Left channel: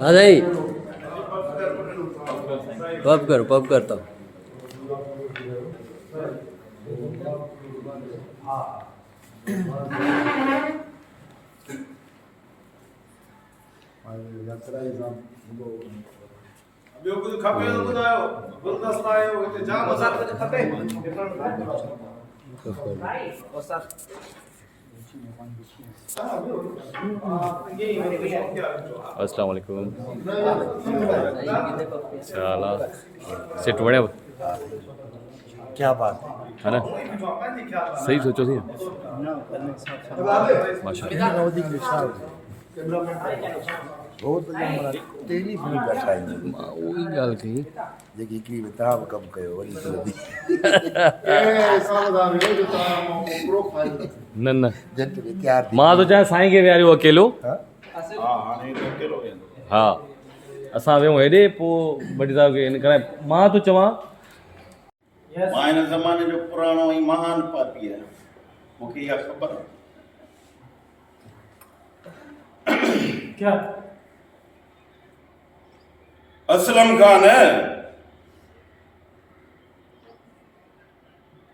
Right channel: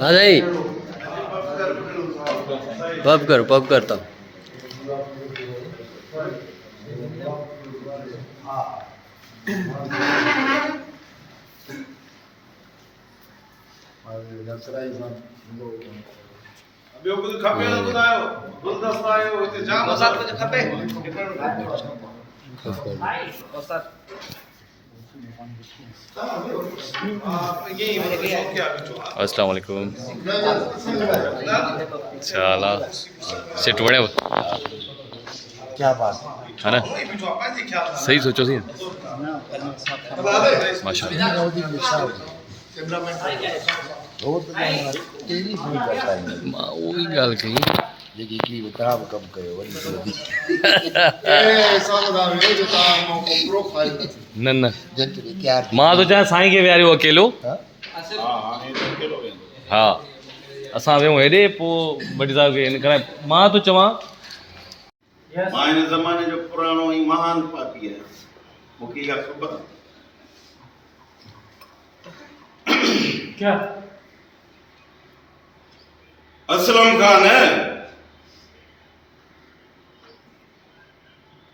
हाँ नहीं पब करता हूँ। ॿियो कुझु खपे त ॿुधायो, गुलदस्ता आयो हिते जाम असां कुझु खपे। अस्सलाम वालेकुम। चला सेट वड़े क्या बात है ना, सही सोचो सी माशाल्लाह। मां वही गाल कही न न मां तो चाहे साईं खे विहारियो अकेलो। हाँ असां वियूं हेॾे पोइ भट्टी साहिब खे हिन करे मां तो चवां मां हिन ज़माने जो पुराणो ऐं महान पापी आहियां, मूंखे इहा ख़बर आहे। क्या असलम खान है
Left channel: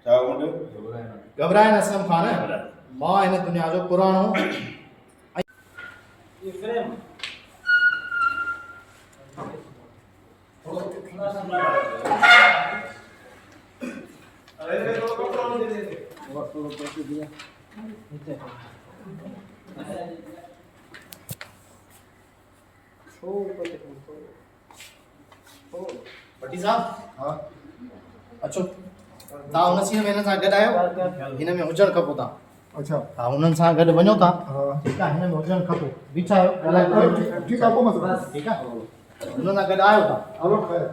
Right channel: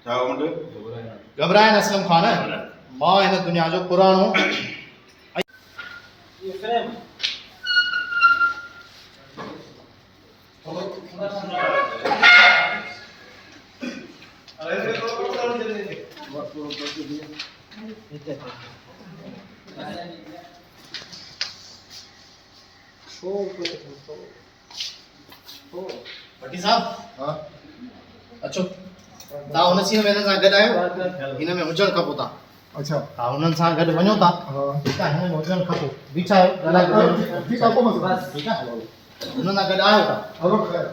छा मुंडे घबराए न असलम खान मां हिन दुनिया जो पुराणो ये फ्रेम भट्टी साहब हाँ अचो तव्हां हुन सीन में हिननि सां गॾु आहियो, हिन में हुजणु खपो तव्हां। अच्छा तव्हां हुननि सां गॾु वञो था, ठीकु आहे, हिन में हुजणु खपो। बीठा आहियो ठीकु आहे, पोइ मसलो ठीकु आहे, हुननि सां गॾु आहियो था। हलो ख़ैर